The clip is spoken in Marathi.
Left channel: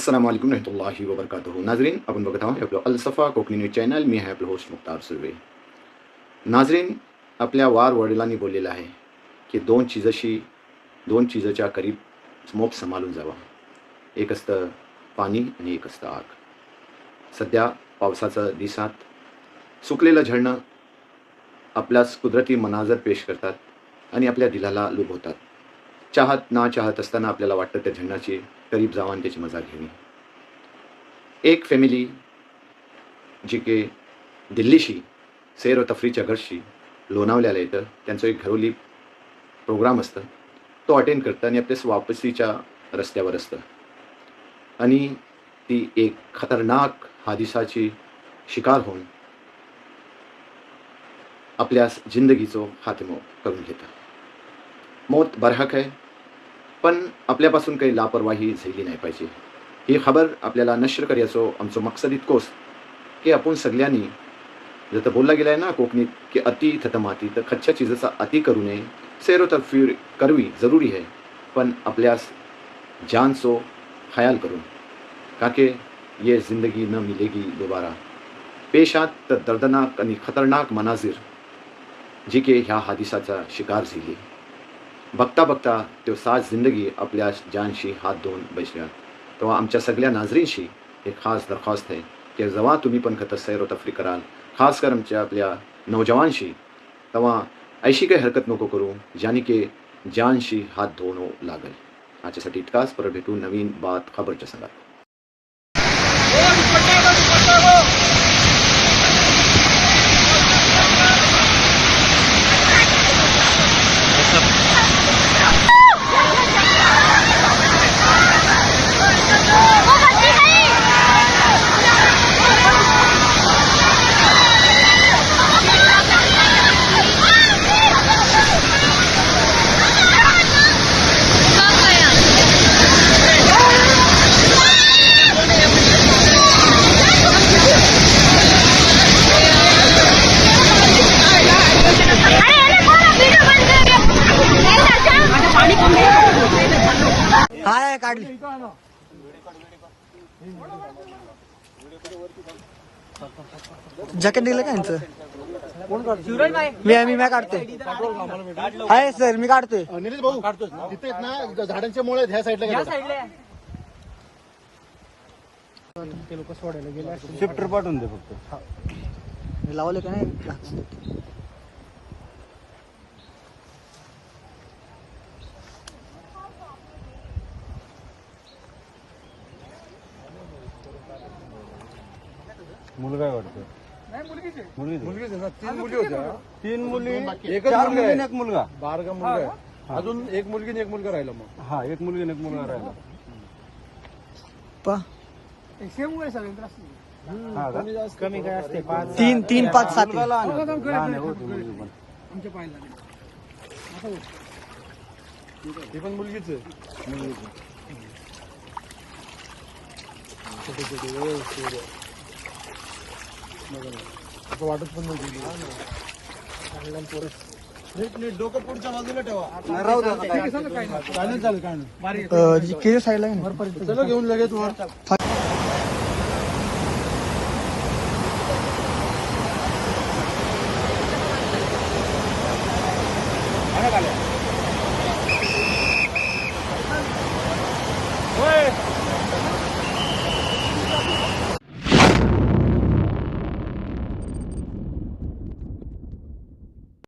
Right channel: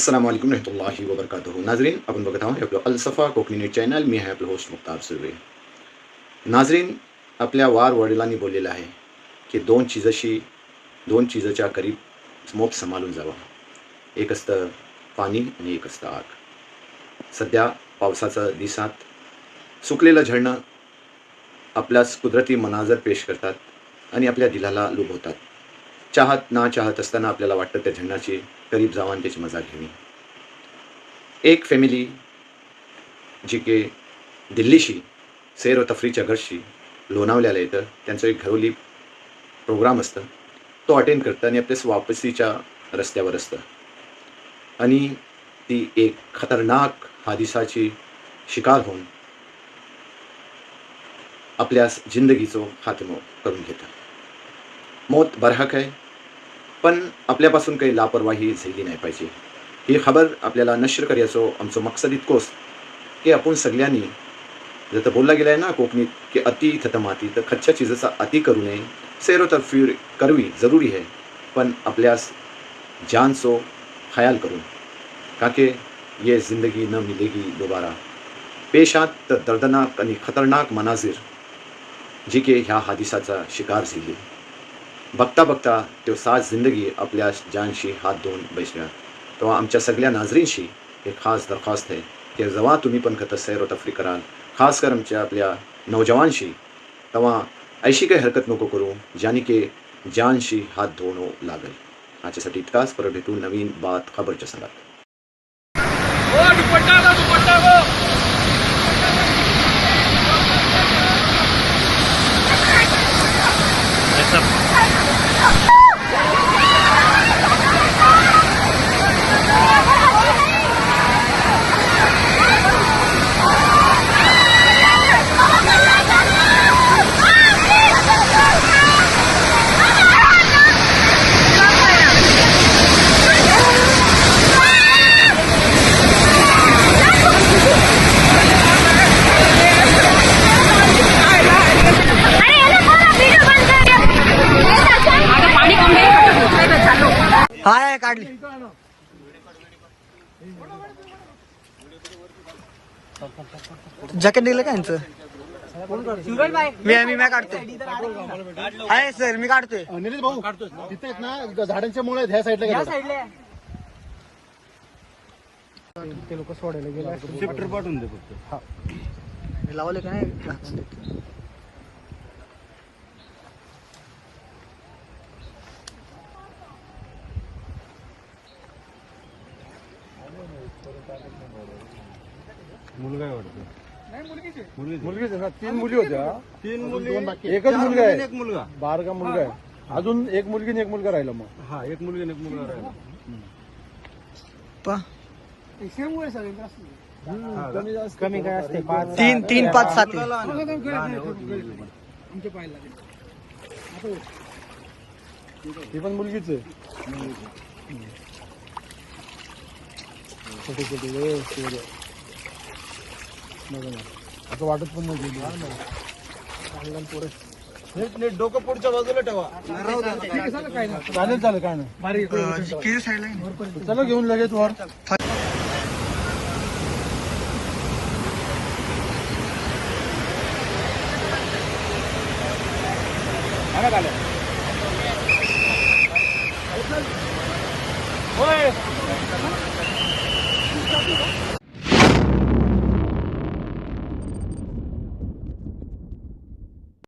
अस्सलाम वालेकुम रहमतुल्लाहि व बरकातुहू नाजरीन आपण बघत आहोत आपलं अलसफा कोकणी न्यूज चॅनल मी आहे आपलं होस्ट मुक्तार सुर्वे नाजरीन आपल्या वार वडिलांनी बोललेलं आहे की दोन चीजशी दोन चीजच्या करीब मोप सांभाळून जावा एक असतं पाणी आणि एक असतं आग सध्या पावसाचा दिसात सुकलेलं झळणं आपल्यास कुदरती मनाजर पेश करतात आणि आपल्या दिलाला लुभवतात चाहत ना चाहत असताना आपल्याला वाटतं त्या झेंडाची करीब जावान त्याची मजा घ्यावी एक फॅमिली जी की दिल्लीशी सैर व तफरीच्या घरशी लोणावल्याला येतं. त्यांचं एक घरोली प्रोग्राम असतं. तो अटेंड करतं आणि आपल्यास वापसीच्या रस्त्यावर असतं. आणि ती एक खतरनाक हादिसाची शिकार होऊन आपल्यास जिंदगीचो खात्मो करून घेतं. मौत बरहक आहे. पण आपल्यापासून काही लापरवाही झाली नाही पाहिजे. ही खबर आपल्याला नश्र करायचो आमचो मकसद इतकोच की आपण सगळ्यांनी जर बोलला गेला आहे ना कोकणीत की अति थत माती तर खच्च्या चीजेचा अति करू नये. सैरो तरफीर करवी जरुरी आहे पण आपल्यास जानसो ख्याल करून काके ये जिंदगी न मिलेगी दोबारा. पेशात तर दर्दनाक आणि खतरनाक मनाजीर जी के ह्या हादिसाचा शिकार झाली. बघता बघता तो साज जिंदगी आपल्या जानशी हात धुवून बसल्या तेव्हा आमच्या सगळ्या नाजरींशी एक खास दरखास्त आहे. की जेव्हा तुम्ही पण खतं सैर तफरी कराल. खास कर आमच्या आपल्या नौजवानशी तेव्हा अशी काही हरकत नको करू ज्याने की जानशी हात धुवणं हो लागेल. आजच्यासाठी इतकाच. परत भेटू नवीन बात खबरच्या संघात. हाय काढली. जॅकेट दिलं का यांचं? मी मी मी काढतोय. हाय सर मी काढतोय. निलेश भाऊ तिथे आहेत ना झाडांच्या मुळे ह्या साईडला गेले ते लोक सोडायला गेले शिफ्टर पाठवून दे फक्त. मी लावले का नाही? मुलगा आहे वाटतं. मुलगीच आहे. ना? तीन मुली होत्या तीन मुली एकच मुलगा आहे एक मुलगा. बारगा मुलगा आहे. अजून एक मुलगी आणि एक मुलगा राहिला मग. हा एक मुलगी आणि एक मुलगा राहिला. पा. हा का? कमी काय असते तीन तीन पाच सात आहे. ही पण मुलगीच आहे. मुलगीच आहे. छोटी छोटी व्यवस्थित आहे. बघा ना. असं वाटत पण नाही पोरं. डोकं पुढच्या बाजूला ठेवा. चालेल चालेल काय नाही. साईडला घेऊन लगेच वर.